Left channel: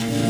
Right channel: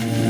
Mm-hmm.